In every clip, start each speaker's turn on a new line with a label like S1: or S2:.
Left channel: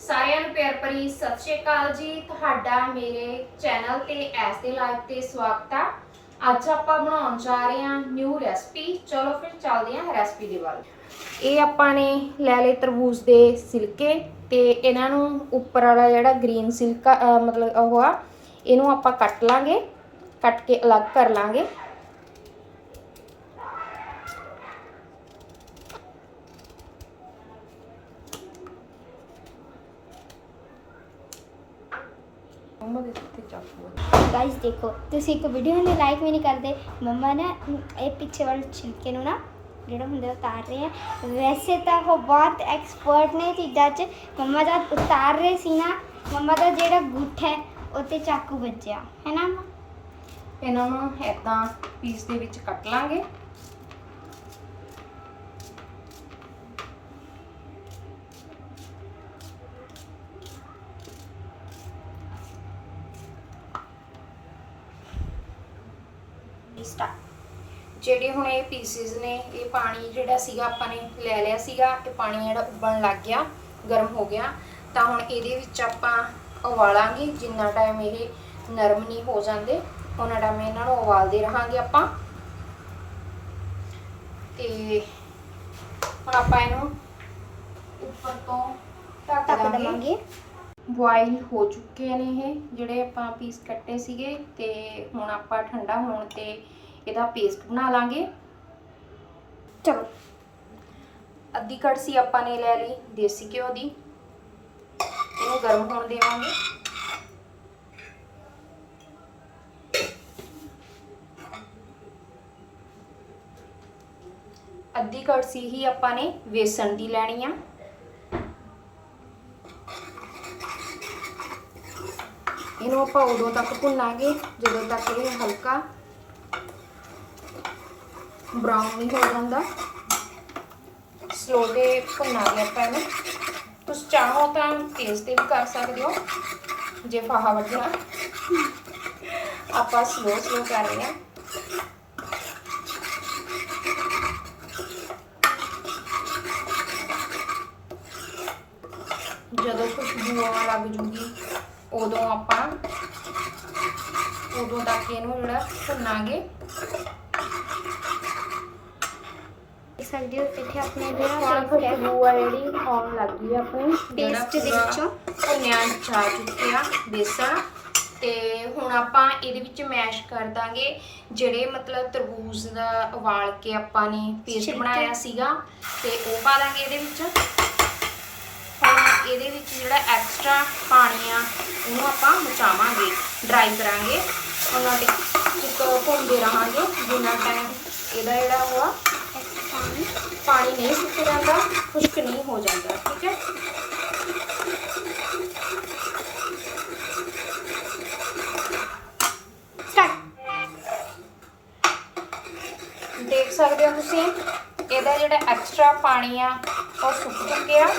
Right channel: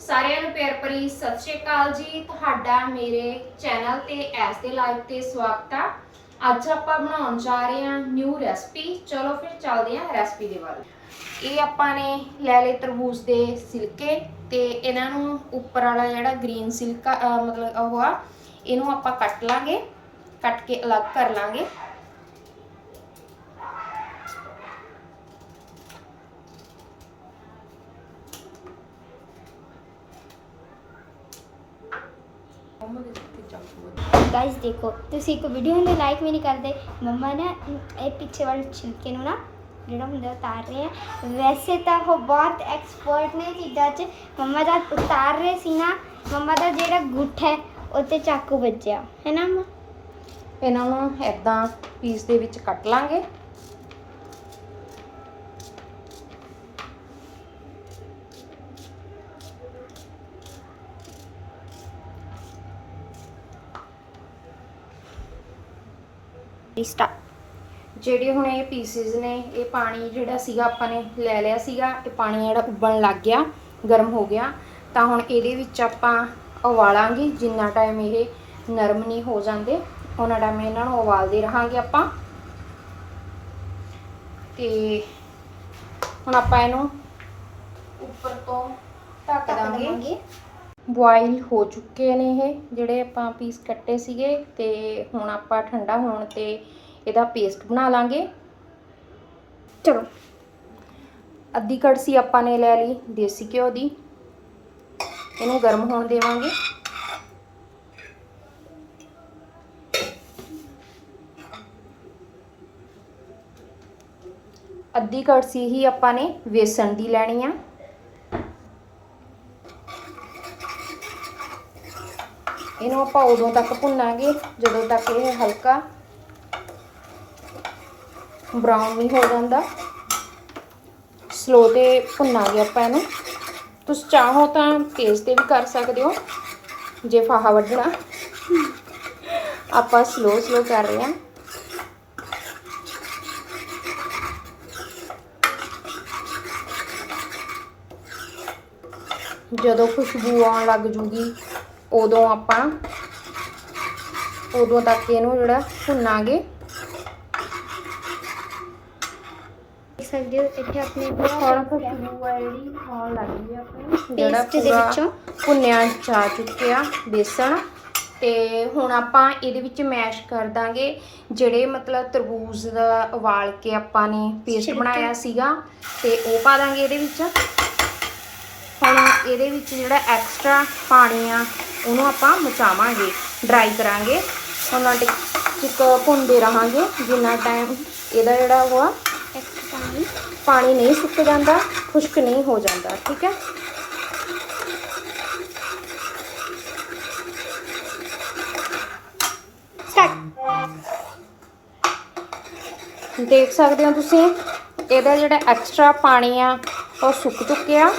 S1: ਸਾਰਿਆਂ ਨੂੰ ਪਿਆਰ ਭਰੀ ਸਤਿ ਸ਼੍ਰੀ ਅਕਾਲ ਜੀ। ਤੁਹਾਡਾ ਮੇਰੇ ਚੈਨਲ ਤੇ ਐਸ ਦੇ ਲਾਈਵ ਤੇ ਸਵਾਗਤ ਆ। ਅੱਜ ਆਪਾਂ ਬਣਾਉਣ ਜਾ ਰਹੇ ਹਾਂ ਨਿਊ ਰੈਸਪੀ ਚਲੋ ਫਿਰ ਚੱਲਦੇ ਹਾਂ ਰੈਸਪੀ ਦੇ ਵੱਲ। ਇਹ ਆਪਾਂ ਨੇ ਲੈ ਲਏ ਤਰਬੂਜ ਦੇ ਸਿਲਕੇ ਤੇ ਇਹਨਾਂ ਨੂੰ ਉੱਪਰ ਵਾਲਾ ਜਿਹੜਾ ਗ੍ਰੀਨ ਸਿਲਕਾ ਮਤਲਬ ਉਹ ਆ, ਇਹਨੂੰ ਆਪਾਂ ਕੱਟ ਲਾਂਗੇ। ਕੱਟ ਕੇ ਅਲੱਗ ਕਰ ਲਾਂਗੇ। ਮੰਮਾ ਦੇ ਕਿੱਥੇ ਚਾਕੂ
S2: ਗਾਇਸ ਦੇਖੋ ਤੁਸੀਂ ਇੱਕ ਵੀਡੀਓ ਨੂੰ ਲਾਈਕ ਵੀ ਨਹੀਂ ਕਰਦੇ। ਮੰਮਾ ਨਾ ਇਹ ਪਿੱਛੇ ਵਾਲੇ ਛਿਲਕੇ ਨੂੰ ਨਾ ਜਿਹੜਾ ਹੁੰਦਾ ਉਤਾਰ ਰਹੇ ਆ। ਵੈਸੇ ਤਾਂ ਉਹ ਬਹੁਤ ਐਕਸਪਰਟ ਨੇ ਚੀਜ਼ਾਂ 'ਚ। ਮੰਮਾ ਦਾ ਉਤਾਰ ਰਹੇ ਸੀ ਨਾ ਮੰਮਾ ਦਾ ਜਿਹੜਾ ਗੁੱਠ ਹੈ ਉੱਤੇ ਚਾਕੂ ਵੱਜਿਆ। ਹੈ ਨਾ ਮੰਮਾ
S1: ਇਹਨਾਂ ਨੂੰ ਇਦਾਂ ਪੀਸ ਦੇ ਵਿੱਚ ਕੱਟ ਲਾਂਗੇ।
S2: ਸਟਾਰਟ
S1: ਜਿਹੜੇ ਹੁਣ ਇਹ ਪੀਸਿਸ ਨੇ ਇਹ ਪਾਣੀ ਜਿਹੜਾ ਸੀਗਾ ਆਪਾਂ ਨੇ ਲੈ ਲਿਆ ਸੀਗਾ ਇਹ ਪਾਣੀ ਜਿਹੜਾ ਉਬਲਣ ਲੱਗ ਗਿਆ ਗਰਮ ਹੋ ਗਿਆ। ਤਾਂ ਹੁਣ ਇਹਦੇ ਵਿੱਚ ਆਪਾਂ ਉਬਾਲਾਂਗੇ ਜਿੰਨਾ ਟਾਈਮ ਇਹ ਨਰਮ ਨਹੀਂ ਹੋ ਜਾਂਦੇ ਉਹਨਾਂ ਟਾਈਮ ਇਹਨਾਂ ਨੂੰ ਉਬਾਲਦੇ ਰਹਾਂਗੇ ਆਪਾਂ। ਤੇ ਹੁਣ ਆਪਾਂ ਇਹਨੂੰ ਉੱਪਰ ਤੋਂ ਢੱਕ
S2: ਦਵਾਂਗੇ।
S1: ਬੋਇਲ ਹੋ ਚੁੱਕੇ ਨੇ ਇਹ, ਜਿਹੜੇ ਆਪਾਂ ਪੀਸ ਕੱਟੇ ਸੀਗੇ ਤੇ ਹੁਣ ਆਪਾਂ ਠੰਡਾ ਹੋਣ ਤੇ ਇਹਦਾ ਪੇਸਟ ਬਣਾ ਲਾਂਗੇ।
S2: ਚਲੋ।
S1: ਅੱਧੀ ਕੜਸੀ ਆਪਾਂ ਨੇ ਲੈ ਲਈ, ਦੇਸੀ ਘਿਓ ਦੀ। ਇਹਨੂੰ ਗਰਮ ਹੋਣ ਦੇਵਾਂਗੇ। ਅੱਧੀ ਕੜਸੀ ਹੀ ਆਪਾਂ ਨੇ ਵੇਸਣ ਦੀ ਲੈਣੀ ਆ। ਇਹਨੂੰ ਆਪਾਂ ਉਦੋਂ ਤੱਕ ਭੁੰਨਾਂਗੇ, ਜਦੋਂ ਤੱਕ ਇਹ ਹਲਕਾ ਬਰਾਊਨ ਨਹੀਂ ਹੋ ਜਾਂਦਾ। ਸਲੋ ਤੇ ਭੁੰਨਾਂਗੇ ਆਪਾਂ ਇਹਨੂੰ। ਤੁਸੀਂ ਚਾਹੋ ਤਾਂ ਤੇਜ਼ ਤੇ ਵੀ ਕਰ ਸਕਦੇ ਹੋ, ਜੇ ਫਾਹਾ ਵੱਢਣਾ। ਆਪਾਂ ਸਲੋ ਸਲੋ ਕਰ ਰਹੇ ਹਾਂ। ਜਦੋਂ ਖੁਸ਼ਬੂ ਆਉਣ ਲੱਗ ਜੂਗੀ ਉਦੋਂ ਆਪਾਂ ਉਦੋਂ ਤੱਕ ਇਹਨੂੰ ਜਿਹੜਾ ਭੁੰਨਾਂਗੇ।
S2: ਸਕਦੇ ਹੋ ਇੱਥੇ ਆਪਣੇ
S1: ਹੁਣ ਖੁਸ਼ਬੂ ਆ ਜਿਹੜੀ ਆਉਣ ਲੱਗ ਗਈ ਆ ਆਪਣੀ
S2: Paste ਦੇ ਵਿੱਚੋਂ।
S1: ਭੁੰਨਿਆ ਜਾ ਚੁੱਕਿਆ ਬੇਸਣ। ਤੇ ਹੁਣ ਆਪਾਂ ਇਹਦੇ ਵਿੱਚ ਮੈਸ਼ ਕਰ ਦਾਂਗੇ ਜਿਹੜੇ ਮਤਲਬ ਤਰਬੂਜ ਦਾ ਉਬਾਲ ਕੇ ਆਪਾਂ ਨੇ ਪੇਸਟ। ਬਣਾਇਆ ਸੀਗਾ। ਤੇ ਉਹ ਪਾ ਦਾਂਗੇ ਇਹਦੇ ਵਿੱਚ। ਹੁਣ ਇਹਦੇ ਵਿੱਚ ਜਿਹੜਾ ਐਕਸਟਰਾ ਪਾਣੀ ਆ, ਉਹਨੂੰ ਆਪਾਂ ਮਚਾਵਾਂਗੇ ਡਰਾਈ ਕਰਾਂਗੇ। ਉਹਨਾਂ ਟਿਕ ਟਿਕ ਭੁੰਨਦੇ ਰਹਾਂਗੇ, ਜਿੰਨਾ ਟਾਈਮ ਇਹਦਾ ਜਿਹੜਾ ਉਹ ਆ
S2: ਐਕਸਟਰਾ ਪਾਣੀ
S1: ਪਾਣੀ ਨਹੀਂ ਸੁੱਕ ਜਾਂਦਾ, ਖੁਸ਼ਕ ਨਹੀਂ ਹੋ ਜਾਂਦਾ, ਠੀਕ ਹੈ? ਦੇਖ ਸਕਦੇ ਹੋ ਤੁਸੀਂ, ਇਹਦਾ ਜਿਹੜਾ ਐਕਸਟਰਾ ਪਾਣੀ ਆ, ਉਹ ਸੁੱਕ ਚੁੱਕਿਆ।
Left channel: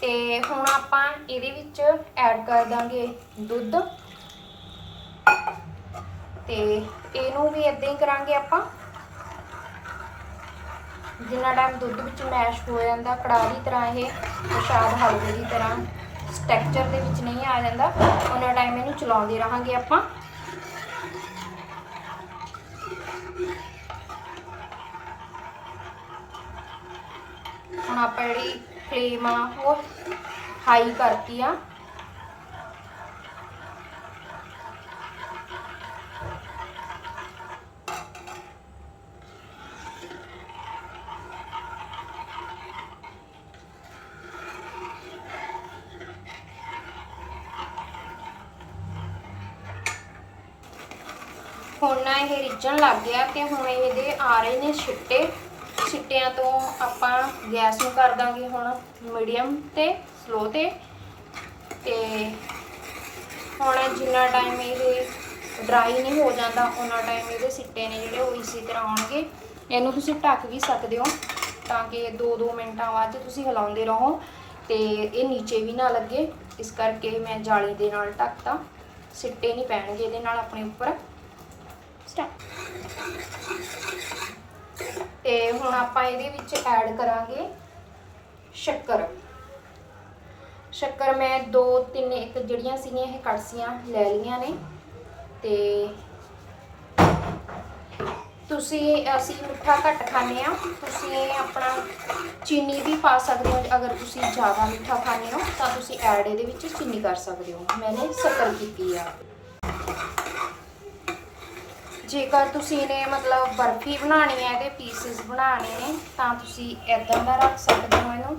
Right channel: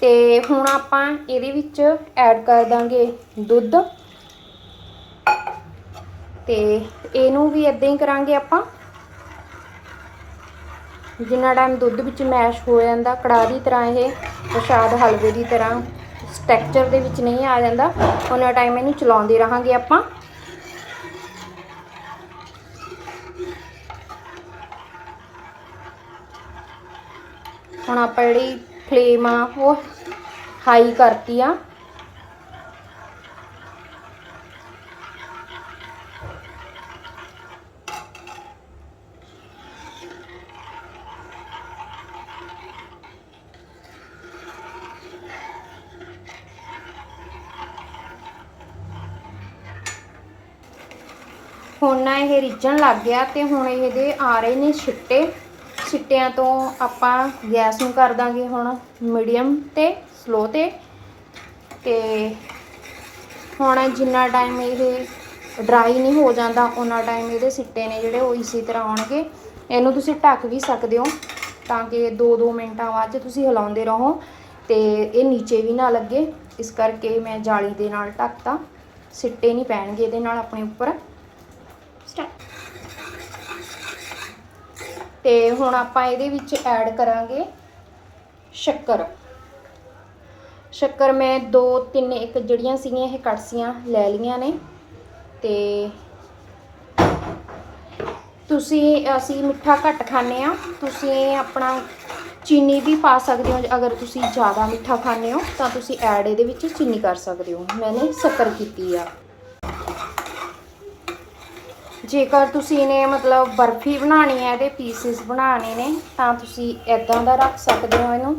S1: ਤੇ ਹੁਣ ਆਪਾਂ ਇਹਦੇ ਵਿੱਚ ਐਡ ਕਰ ਦਾਂਗੇ ਦੁੱਧ। ਤੇ ਇਹਨੂੰ ਵੀ ਇਦਾਂ ਹੀ ਕਰਾਂਗੇ ਆਪਾਂ। ਜਿੰਨਾ ਟਾਈਮ ਦੁੱਧ ਵਿੱਚ ਮੈਸ਼ ਹੋ ਜਾਂਦਾ, ਕੜਾਹ ਦੀ ਤਰ੍ਹਾਂ ਇਹ ਪ੍ਰਸ਼ਾਦ ਹਲਵੇ ਦੀ ਤਰ੍ਹਾਂ ਸਟ੍ਰਕਚਰ ਦੇ ਵਿੱਚ ਨਹੀਂ ਆ ਜਾਂਦਾ ਉਹਨਾਂ ਟਾਈਮ ਇਹਨੂੰ ਚਲਾਉਂਦੇ ਰਹਾਂਗੇ ਆਪਾਂ। ਹੁਣ ਆਪਾਂ ਜਿਹੜੀ ਫਲੇਮ ਆ, ਉਹ ਹਾਈ ਕਰਤੀ ਆ। ਹੁਣ ਨਾ ਇਹ ਰਿੱਝਣ ਲੱਗ ਗਿਆ ਤੇ ਹੁਣ ਇਹਦੇ ਆ ਰਹੇ ਨੇ ਛਿੱਟੇ। ਛਿੱਟਿਆਂ ਤੋਂ ਆਪਾਂ ਗੈਸ ਨੂੰ ਕਰ ਦਾਂਗੇ ਹੁਣ ਮੀਡੀਅਮ ਤੇ ਸਲੋ ਤੇ। ਤੇ ਹੁਣ ਜਿੰਨਾ ਟਾਈਮ ਇਹ ਡਰਾਈ ਨਹੀਂ ਹੋ ਜਾਂਦਾ ਉਹਨਾਂ ਟਾਈਮ ਇਹਦੇ ਸਿੱਟੇ ਨੇ ਜਿਹੜੇ ਉਹ ਇਸੇ ਤਰ੍ਹਾਂ ਆਉਣਗੇ। ਇਹਨੂੰ ਤੁਸੀਂ ਢੱਕ ਵੀ ਸਕਦੇ ਹੋ ਤਾਂ ਕਿ 2-2 ਮਿੰਟਾਂ ਬਾਅਦ ਤੁਸੀਂ ਹਿਲਾਉਂਦੇ ਰਹੋ ਤੇ ਇਹ ਨੀਚੇ ਵੀ ਨਾ ਲੱਗੇ। ਇਸ ਕਰਕੇ ਮੈਂ ਜਾਲੀ ਦੇ ਨਾਲ ਢੱਕਤਾ। ਸਿੱਟੇ ਨਹੀਂ ਪੈਣਗੇ ਇਹਦੇ ਨਾਲ ਆਪਣੇ ਉੱਪਰ।
S2: ਸਟਾਰਟ
S1: ਤੇ ਹੁਣ ਆਪਾਂ ਇਹਦੇ ਵਿੱਚ ਐਡ ਕਰਾਂਗੇ ਸ਼ੱਕਰ। ਸ਼ੱਕਰ ਮੈਂ ਦੋ, ਤਿੰਨ, ਇੱਕ ਜਿਹੜੀਆਂ ਸੀਗੀਆਂ, ਇਹ ਕੜਸੀਆਂ ਲੈ ਲਈਆਂ ਨੇ। ਤੇ ਤੁਸੀਂ, ਅਸੀਂ ਮਿੱਠਾ ਘੱਟ ਖਾਂਦੇ ਆ ਤੁਸੀਂ ਆਪਣਾ ਚੀਨੀ ਵੀ ਪਾ ਸਕਦੇ ਹੋ। ਅਗਰ ਤੁਸੀਂ ਜ਼ਿਆਦਾ ਮਿੱਠਾ ਖਾਂਦੇ ਹੋ, ਤਾਂ ਤੁਸੀਂ ਐਡ ਇਹਦੇ ਵਿੱਚ ਚੀਨੀ ਕਰ ਸਕਦੇ ਹੋ। ਮੈਨੇ ਸ਼ੱਕਰ ਕੀਤੀ ਆ। ਜੇਕਰ ਤੁਸੀਂ ਨੇ ਮਤਲਬ ਬਰਫੀ ਬਣਾਉਣੀ ਹੈ ਇਹਦੇ ਪੀਸਿਸ ਬਣਾਉਣੇ ਨੇ, ਤਾਂ ਤੁਸੀਂ ਇਦਾਂ ਦਾ ਰੱਖ ਸਕਦੇ ਹੋ ਇਹਨੂੰ।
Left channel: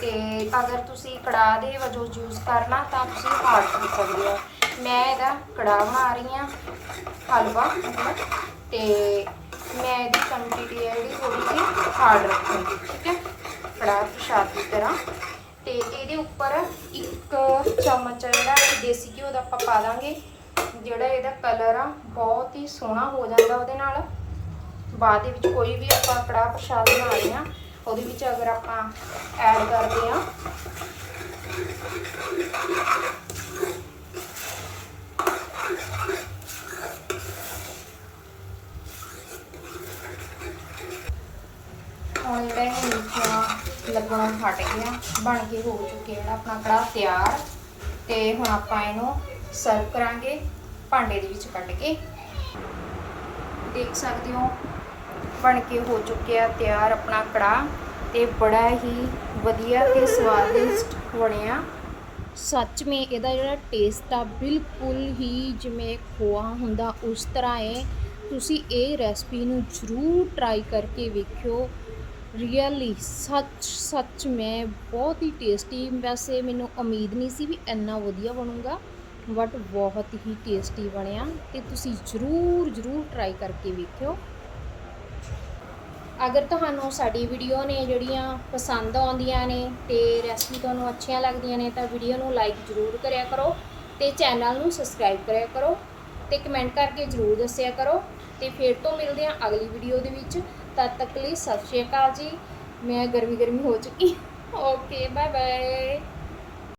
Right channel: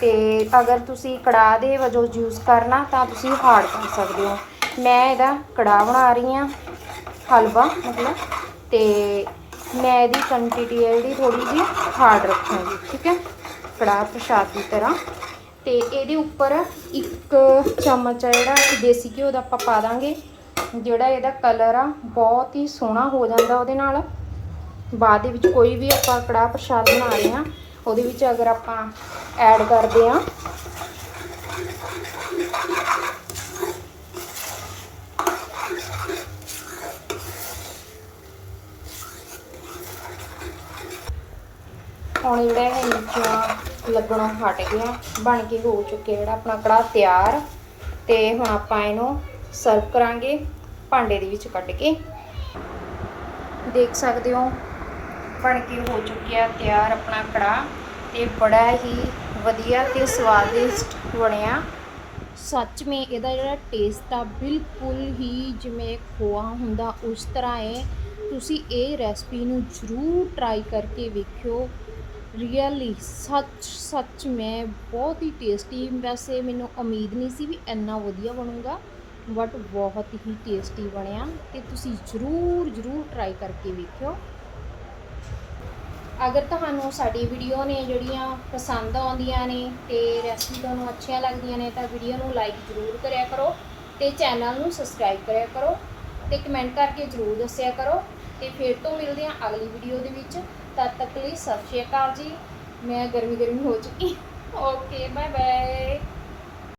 S1: ਤੇ ਅਗਰ ਤੁਸੀਂ ਕੜਾਹ ਦੇ ਵਜੋਂ ਯੂਜ਼ ਕਰਨਾ, ਤਾਂ ਤੁਸੀਂ ਹਾਰਡ ਕਰ ਸਕਦੇ ਹੋ। ਮੈਂ ਇਹਦਾ ਕੜਾਹ ਬਣਾ ਰਹੀ ਹਾਂ, ਹਲਵਾ ਮਤਲਬ। ਤੇ ਮੈਂ ਇਹਦੀ ਕੁਆਂਟੀਟੀ ਹੈ ਜਿਹੜੀ ਥੋੜੀ ਜਿਹੀ ਹਾਰਡ ਰੱਖਾਂਗੀ, ਠੀਕ ਹੈ? ਕੜਾਹ ਪ੍ਰਸ਼ਾਦ ਦੀ ਤਰ੍ਹਾਂ। ਤੇ ਇਹਦੇ ਉੱਪਰ ਇੱਕ ਚਮਚ ਆ ਜਿਹੜਾ ਦੇਸੀ ਘਿਓ ਦਾ ਆਪਾਂ ਪਾ ਦਾਂਗੇ। ਜਿਹੜਾ ਇਹਦਾ ਕਲਰ ਆ, ਬਹੁਤ ਹੀ ਸੋਹਣਾ ਹੋ ਜਾਂਦਾ ਉਹਦੇ ਨਾਲ। ਬਾਅਦ ਦੇ ਵਿੱਚ ਕੋਈ ਵੀ ਆਪਾਂ ਕੜਾਹ ਪ੍ਰਸ਼ਾਦ ਬਣਾਉਂਦੇ ਆ ਉਹਦੇ ਵਿੱਚ ਅਗਰ ਆਪਾਂ ਐਡ ਕਰਦੇ ਆ ਹੁਣ ਜਿਹੜਾ ਇਹ ਨੀਚੋਂ ਲੱਗਣੋਂ ਹਟ ਗਿਆ, ਬਣ ਕੇ ਹੋ ਚੁੱਕਿਆ ਜਿਹੜਾ ਆਪਣਾ ਕੜਾਹ ਤਿਆਰ। ਤੇ ਹੁਣ ਆਪਾਂ ਇਹਨੂੰ ਸਰਵ ਕਰਾਂਗੇ ਭਾਂਡੇ ਦੇ ਵਿੱਚ ਕੱਢ ਕੇ। ਦੇਖ ਸਕਦੇ ਹੋ, ਬਣ ਕੇ ਹੋ ਚੁੱਕਿਆ ਤਿਆਰ ਆਪਣਾ ਕੜਾਹ ਤੇ ਬੜਾ ਹੀ ਵਧੀਆ ਤੇ ਸਵਾਦਿਸ਼ਟ ਬਣਿਆ। ਸੱਚ ਮੇ, ਇਹਦਾ ਜਿਹੜਾ ਟੇਸਟ ਆ ਬਿਲਕੁਲ ਹੀ ਜਿਵੇਂ ਖੋਆ ਹੁੰਦਾ, ਉਸ ਤਰ੍ਹਾਂ ਹੈ ਤੁਸੀਂ ਇਹ ਰੈਸਪੀ ਨੂੰ ਜ਼ਰੂਰ ਟਰਾਈ ਕਰਕੇ ਵੇਖਿਓ। ਰੀਅਲੀ ਸੱਚ ਸੱਚ ਮੈਂ ਬਹੁਤ ਹੀ ਟੇਸਟੀ ਵੈਸੇ ਮੈਨੂੰ ਉਮੀਦ ਨਹੀਂ ਸੀ ਵੀ ਇੰਨਾ ਵਧੀਆ ਬਣੂਗਾ। ਬਟ ਬਹੁਤ ਹੀ ਟੇਸਟੀ ਬਣਿਆ ਤੇ ਤੁਸੀਂ ਜ਼ਰੂਰ ਜ਼ਰੂਰ ਟਰਾਈ ਕਰਕੇ ਵੇਖਿਓ। ਅਗਰ ਤੁਹਾਨੂੰ ਸਾਡੀ ਵੀਡੀਓ ਨੇ ਜਿਹੜੀਆਂ ਪਸੰਦ ਆਉਂਦੀਆਂ ਨੇ ਤੇ ਰੈਸਪੀ ਤੁਹਾਨੂੰ ਅੱਛੀਆਂ ਲੱਗਦੀਆਂ ਨੇ ਤਾਂ ਵੀਡੀਓ ਨੂੰ ਲਾਈਕ ਜ਼ਰੂਰ ਕਰਿਆ ਕਰੋ ਤੇ ਚੈਨਲ ਨੂੰ ਸਬਸਕ੍ਰਾਈਬ ਕਰਿਆ ਕਰੋ ਤੇ ਕਮੈਂਟ ਕਰਕੇ ਜ਼ਰੂਰ ਦੱਸਿਆ ਕਰੋ ਤੇ ਫਿਰ ਤੋਂ ਮਿਲਦੇ ਹਾਂ ਅਗਲੀ ਵੀਡੀਓ ਦੇ ਵਿੱਚ। ਤਦ ਤੱਕ ਲਈ ਸਤਿ ਸ਼੍ਰੀ ਅਕਾਲ ਜੀ। ਮੈਂ ਗਰਮੀ ਗਰਮੀ ਹੋ ਚੁੱਕੀ। Okay bye bye